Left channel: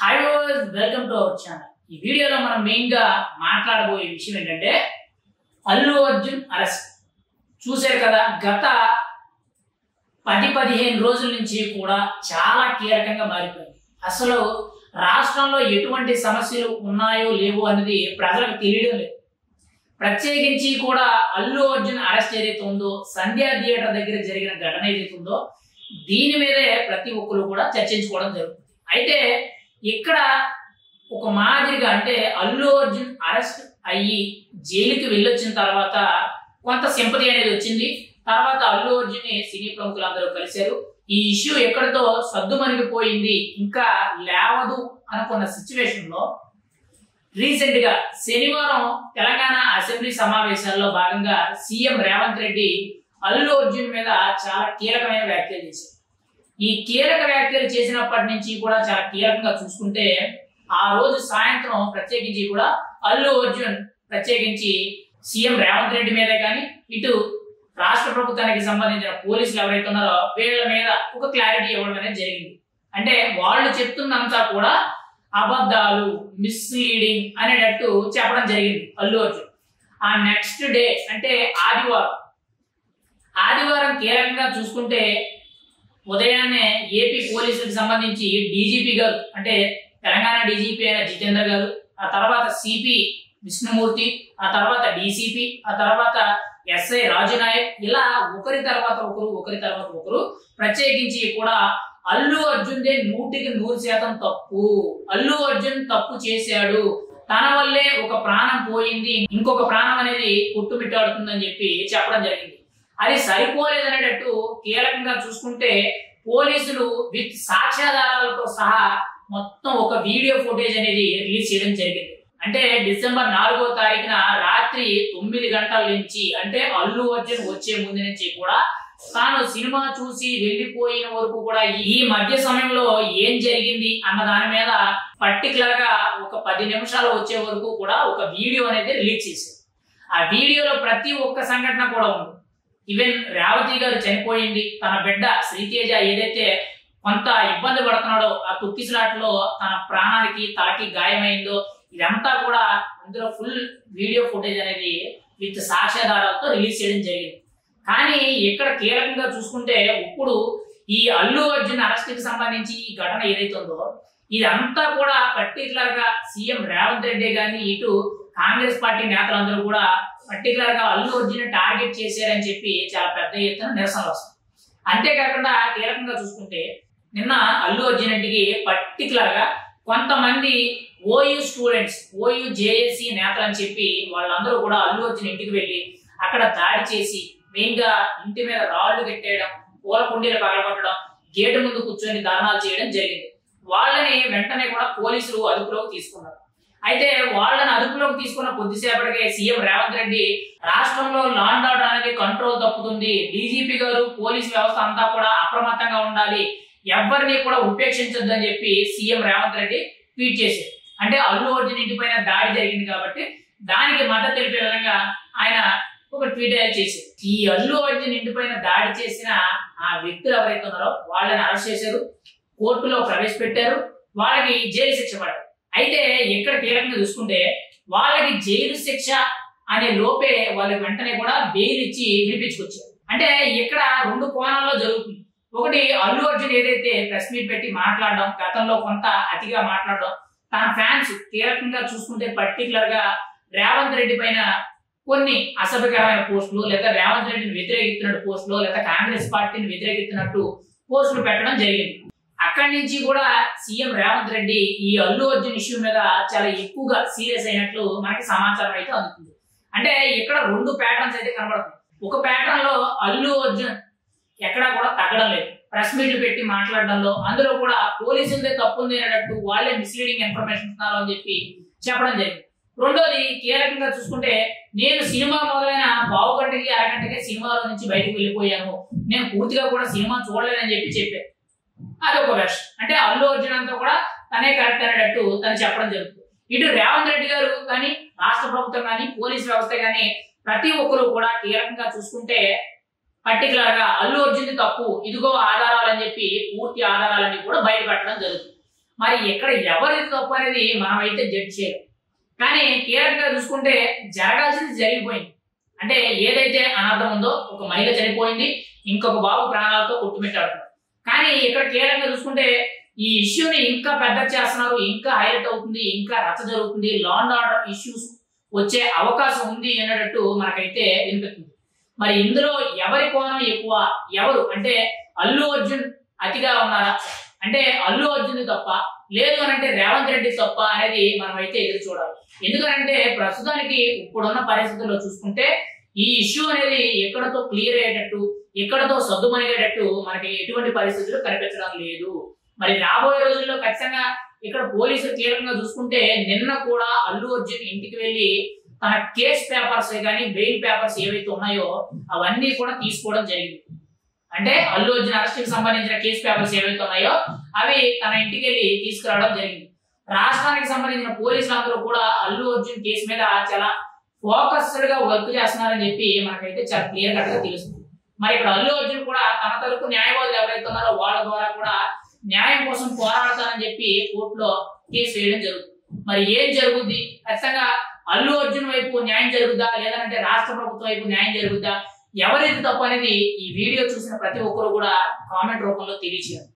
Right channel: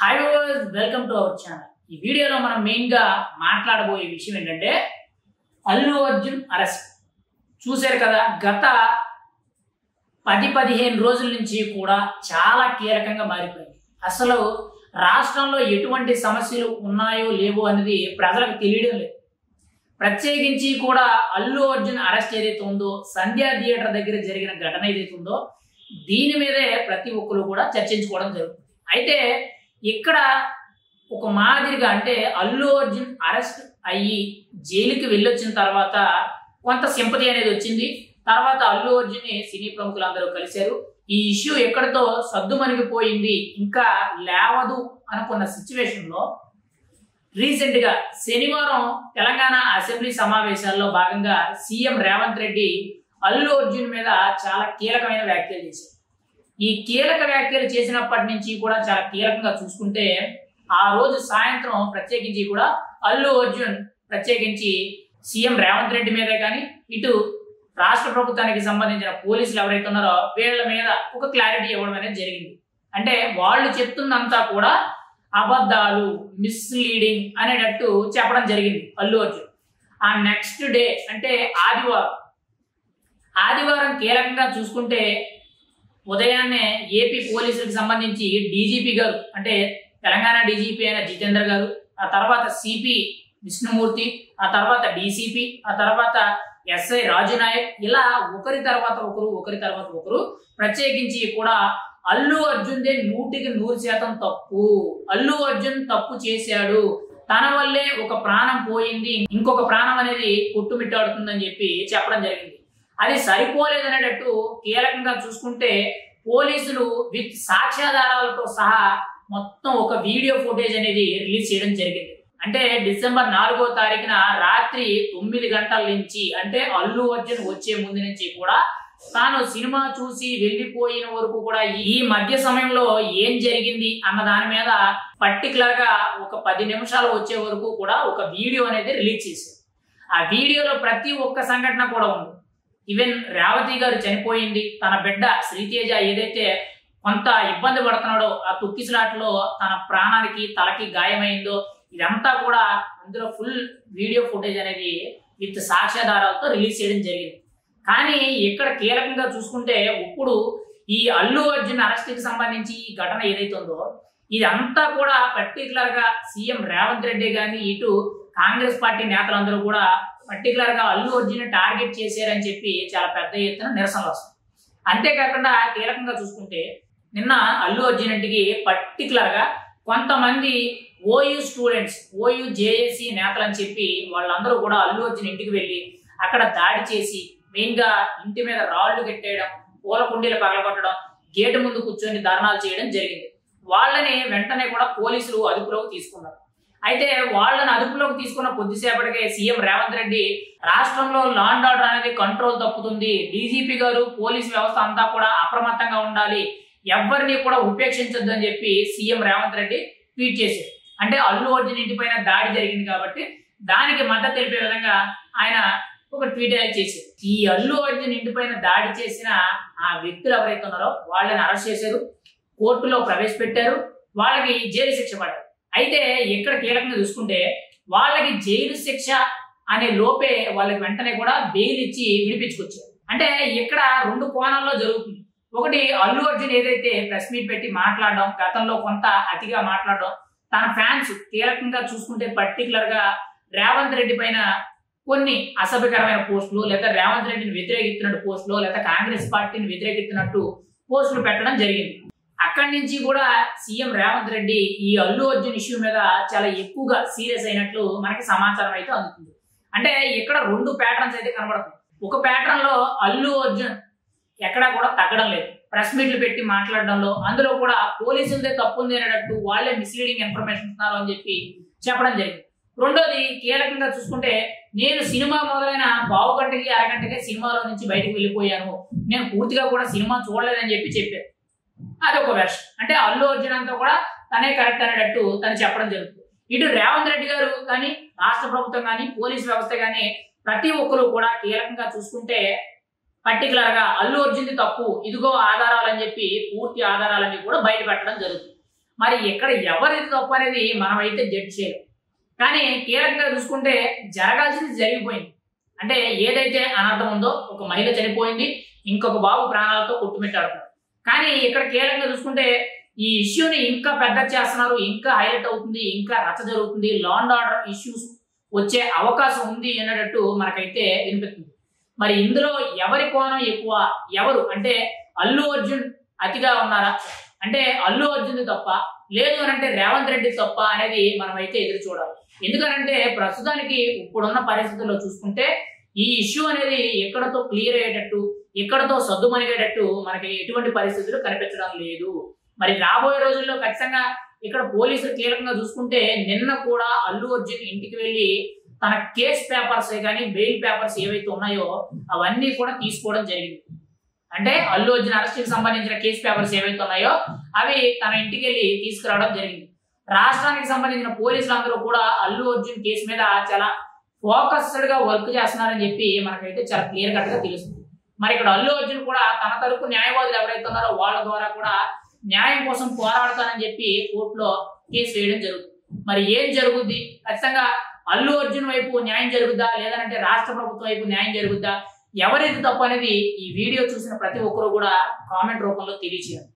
Hi viewers, welcome to our channel. ఈ వీడియోలో మనం మెయిన్ గా మాట్లాడబోయే విషయం ఏంటంటే అల్లు అర్జున్ అరెస్ట్. చూశారు కదా, గత 10-15 రోజుల నుంచి కూడా చాలా కీలకంగా మారిపోయింది. అసలు రాష్ట్రంలో ఎటువంటి సమస్యలు ఉన్నాయో లేవో అనేది ప్రజలకు తెలియడం లేదు. ప్రత్యేకించి కూడా అల్లు అర్జున్ అరెస్ట్ ఏదైతే ఉందో, సంధ్యా థియేటర్ దగ్గర జరిగిన ఘటన ఏదైతే ఉందో, దీని మీదే ప్రతి ఒక్కరు కూడా చర్చించుకోవడం జరుగుతుంది. అయితే ఇక్కడ ఒక మాదిరిగా అంటే అల్లు అర్జున్ అరెస్ట్ అయ్యి జైలుకి వెళ్ళొచ్చిన తర్వాత కొంత సింపతి అనేది వచ్చింది. తర్వాత అల్లు అర్జున్ సినీ ప్రముఖులందరూ కలిశారు. ఈ ఇష్యూ ఎక్కడితో సద్దుమణిగిపోయింది, ఇంకా లేవదు అనుకున్న సిచ్యువేషన్ లో రీసెంట్ గా శనివారం తెలంగాణ అసెంబ్లీ సమావేశాల్లో భాగంగా సీఎం రేవంత్ రెడ్డి అల్లు అర్జున్ మీద చాలా కీలకమైన వ్యాఖ్యలు చేశారు. ఈ కీలక వ్యాఖ్యలు చేసినప్పటి నుంచి కూడా చాలా కీలకంగా చూసుకుంటే, ఆ రోజు సాయంత్రం ప్రత్యేకించి కూడా అల్లు అర్జున్ ప్రత్యేకించి సీఎం రేవంత్ రెడ్డి మీదే కానీ, ఇటు రాష్ట్ర ప్రభుత్వానికి సంబంధించిన పోలీసులు ఎవరైతే ఉన్నారో వీళ్ళ మీద ఒక క్లారిటీ ఇవ్వడం అనేది జరిగింది. అంటే వాళ్ళు చెప్తున్నంతా కూడా అబద్ధాలు, మిస్లీడింగ్ అనేటట్టు చెప్పడం జరిగింది అల్లు అర్జున్. ఆ నెక్స్ట్ డే అంటే ఆదివారం కీలకంగా చూసుకుంటే ఉదయాన్నే ఏపీ పోలీసులకు సంబంధించి డీజీపీ గారు, అంటే తెలంగాణ డీజీపీ అయిన జితేందర్ గారు, ఆ తర్వాత సిపి విష్ణుమూర్తి, ఆ తర్వాత డీసీపీ, ఆ తర్వాత ఎస్ఐ రాజు నాయక్, ఇలా ఒకరి తర్వాత ఒకరు ప్రత్యేకించి కూడా అల్లు అర్జున్దే 100% తప్పు, అల్లు అర్జున్ తప్పు చేశాడు, తన వల్లే ఒక ప్రాణం పోయింది, ఇంకొక ప్రాణం అనేది కొట్టుమిట్టాడుతుందని చెప్పి చెప్పడం జరిగింది. అది సరిపోలేదనేటట్టు కీలకంగా చూసుకుంటే పోలీసులు విత్ సాక్ష్యాధారాలతో సహా మొత్తం ఒక వీడియో ఫుటేజ్ అనేది రిలీజ్ చేయడం జరిగింది. అంటే డిసెంబర్ 4వ తారీఖున రాత్రి 9 గంటల నుంచి, అంటే అల్లు అర్జున్ వచ్చే ముందు నుంచి కూడా తాను సినిమా చూసి వెళ్ళిపోయిన వరకు కూడా ఈ మధ్య సమయంలో ఏం జరిగింది అన్న దాని మీద పర్టికులర్ గా ఒక 10 నిమిషాలు వచ్చే వరకు కూడా ఒక వీడియో అనేది రిలీజ్ చేశారు. ఆ వీడియోలో ప్రతి ఒక్క సంఘటన కూడా ఉంది. ఈవెన్ రేవతి గారు చనిపోయింది, తన బిడ్డ శ్రీతేజ ఏదైతే కొంత ఇబ్బంది పడుతున్నాడో, ఆ తొక్కిసలాట్లో తన ప్రాణానికి తలకి గాయమైందో, ఇదంతా కూడా అందులో ఫుల్ వీడియో ఫుటేజ్ అనేది విత్ సాక్ష్యాధారాలతో రిలీజ్ చేయడం జరిగింది. కానీ ఇక్కడ కీలకంగా చూసుకుంటే ఇప్పుడు ఈ అల్లు అర్జున్ అరెస్ట్ కి సంబంధించి ఈ ఘటన ఏదైతే ఉందో, ఇదంతా కూడా పర్టికులర్ గా సీఎం రేవంత్ రెడ్డి గాని, ఇటు కాంగ్రెస్ పార్టీ నేతలందరూ కూడా పర్టికులర్ గా అల్లు అర్జున్ టార్గెట్ చేశారని చెప్పి చాలా పెద్ద ఎత్తున నిరసనలు వస్తుంది. అంతేకాకుండా కీలకంగా చూసుకుంటే నిన్న అల్లు అర్జున్ ఇంటికి పర్టికులర్ గా కొంతమంది ఓయూ స్టూడెంట్స్, ఓయూ జేఏసీ నేతలు అని చెప్పి వాళ్ళందరూ కూడా అల్లు అర్జున్ ఇంటికి వెళ్ళి అక్కడ దాడి చేసి మెయిన్ గా ఇంటి మీద రాళ్లు కట్టేయడం, పూల కుండీలు పగలగొట్టడం, గేటు ముందు కూర్చొని ధర్నాలు చేయడం జరిగింది. వాళ్ళని వెంటనే కూడా పోలీసులు అదుపులోకి తీసుకున్నారు. అయితే వాళ్ళని అదుపులోకి తీసుకున్న కొద్దిసేపటికే సీఎం రేవంత్ రెడ్డి రాష్ట్రంలో లా అండ్ ఆర్డర్ అనేది కంట్రోల్ తప్పుతుంది, డీజీపీ గారు పోలీసు వ్యవస్థ అంతా కూడా అప్రమత్తంగా ఉండాలి, ఎవరిని కూడా ఉపేక్షించొద్దు అని చెప్పి సీఎం రేవంత్ రెడ్డి ట్వీట్ చేశారు. అంటే అల్లు అర్జున్ ఇంటి పైన దాడి జరిగింది కాబట్టి దానికి మద్దతు తెలిపే విధంగా ఆయన ఒక ట్వీట్ చేశారు. ఈ అల్లు అర్జున్ ఇంటి పైన దాడి చేసిన ఆ వ్యక్తులు ఎవరైతే ఉన్నారో వాళ్ళని అరెస్ట్ చేశారు, కోర్టులో ప్రవేశపెట్టారు, వాళ్ళకి జైలు శిక్ష పడ్డారు. అయితే ఇక్కడ కీలకంగా చూసుకుంటే వాళ్ళకి జైలు శిక్ష అనే లోపే వాళ్ళకి వెంటనే కూడా బెయిల్ ఇచ్చి విడిపించుకొచ్చారు. అంటే ఇక్కడ 2 కోణాల్లో జరుగుతుంది. ఒకటి, అల్లు అర్జున్ ఏదైతే ప్రెస్ మీట్ పెట్టి మాట్లాడడం, గతంలో కొంత అతిగా మాట్లాడడం, తన ఫ్యాన్స్ కీలకంగా చూసుకుంటే పర్టికులర్ గా రేవంత్ రెడ్డి పైన కొన్ని అసభ్యకరమైన పోస్టులు, లేదా రేవంత్ రెడ్డిని వ్యతిరేకిస్తున్నట్టు పోస్టులు, లేదా కాంగ్రెస్ పార్టీని వ్యతిరేకిస్తున్నట్టు పోస్టులు పెట్టడం జరిగింది. అక్కడి నుంచి కూడా సీఎం రేవంత్ రెడ్డి ఈ అల్లు అర్జున్ ఇష్యూ మీద చాలా ఎక్కువగా సీరియస్ అయినట్లు మనకి సమాచారం అయితే అందుతుంది. అంటే ఇక్కడ 2 ప్యాటర్న్స్ అయితే కనబడుతుంది. ఒక ప్యాటర్న్ లో అల్లు అర్జున్ ఎక్కడా కూడా తగ్గడం లేదు, ప్రెస్ మీట్లు పెట్టి మాట్లాడడంలో, అందులో కూడా పోలీసులదే తప్పు ఉంది అనేటట్టు వాళ్ళే మిస్లీడింగ్ ఇన్ఫర్మేషన్ ఇస్తున్నారు అని చెప్పి చెప్పడం జరిగింది. రెండోది కీలకంగా చూసుకుంటే, నేను సినిమా మొదలైన పావు గంటకి అరగంటకే సినిమాలో నుంచి బయటకు వెళ్ళిపోయాను, నేను పూర్తిగా కూడా సినిమా చూడలేదని చెప్పారు. అదొక వెర్షన్. అంటే అల్లు అర్జున్ అంతా కూడా తనే కరెక్ట్ అనేటట్టు తను చెప్పడం జరుగుతుంది. ఇటు రేవంత్ రెడ్డి గారు కానీ, రాష్ట్ర ప్రభుత్వం కానీ, పోలీస్ వ్యవస్థ కానీ ప్రతి ఒక్కరు కూడా కీలకంగా చూసుకుంటే పర్టికులర్ గా అల్లు అర్జున్ తప్పు, ఇదిగో ఆధారాలు అని చెప్పి పూర్తి ఆధారాలన్నీ కూడా బయట పెట్టడం జరుగుతుంది. మరి ఇక్కడ ఎవరిది తప్పు అనేది మనమైతే జడ్జ్ చేయాలి. కానీ కీలకంగా చూసుకుంటే జరగాల్సింది జరిగిపోయింది. అంటే ఏదైతే అనర్థం ఉందో, ఒక మహిళ చనిపోయింది, ఇంకొక బాబు ప్రాణాలతో కొట్టుమిట్టాడుతున్నారు. కానీ ఇక్కడ కీలకంగా చూసుకుంటే ఈ ఇష్యూని ఇంకా పెద్ద చేస్తున్నారు, ఇంకా హైలైట్ అవుతుంది, ఇంకా రచ్చ జరుగుతుంది, లా అండ్ ఆర్డర్ ఇష్యూస్ వచ్చే అవకాశం ఉంది అనేటట్టు మనకైతే వినిపిస్తుంది. మరి ఇందులో ఎవరి కోణం ఎక్కువ, ఎవరు అంటే అల్లు అర్జున్ అతిగా ఉన్నారా, అంటే అల్లు అర్జున్ తప్ప, లేదు అని అంటే రేవంత్ రెడ్డి తప్ప అనేది మనం అయితే ఎదురు చూడాలి. ఎందుకంటే ప్రస్తుతానికి ఇప్పుడున్న పరిస్థితుల్లో చూసుకుంటే ఈ ఇష్యూ అనేది ఎక్కడతో క్లియర్ అయ్యేటట్టు, ఎక్కడతో సద్దుమణిగేటట్టు మనకి ఎటువంటి పరిస్థితులు కనిపించడం లేదు. మరి రాబోయే రోజుల్లో ఖచ్చితంగా ఇక్కడ పోలీసులు కీలకంగా చూసుకుంటే నిన్న కూడా అల్లు అర్జున్ ఇంటికి వెళ్ళి తన కేస్ పేపర్స్ కానీ బెయిల్ పేపర్స్ ఏవైతే ఉన్నాయో అవన్నీ కూడా తీసుకోవడం జరిగింది. అంటే అల్లు అర్జున్ అరెస్ట్ కి సంబంధించిన కేసు పేపర్స్ ఏవైతే ఉన్నాయో అవి తన ఇంటికి వెళ్ళి తీసుకురావడం జరిగింది. రాష్ట్రానికి సంబంధించిన పోలీసులు అందరూ కూడా అల్లు అర్జున్ కేసు మీద చాలా ఫోకస్డ్ గా వర్క్ చేస్తున్నారని చెప్పి మనకైతే చాలా క్లియర్ కట్ గా తెలుస్తుంది. మరి ఇక్కడ అల్లు అర్జున్ కూడా తన తరపు న్యాయవాదులు ఎవరైతే ఉన్నారో వాళ్ళ ద్వారా కూడా న్యాయం కోసం పోరాడతానని చెప్పి కోర్టులో కేసు వేయడం జరుగుతుంది. మరి ఏం జరుగుద్ది, ఖచ్చితంగా అల్లు అర్జున్ వైపు న్యాయం జరుగుద్దా, లేదంటే రాష్ట్ర ప్రభుత్వం వైపు న్యాయం జరుగుద్దా, ఎవరిది తప్పు అనేది ఈ వీడియో చూసిన ప్రతి ఒక్కరు కూడా కామెంట్ రూపంలో తెలియజేయాలి.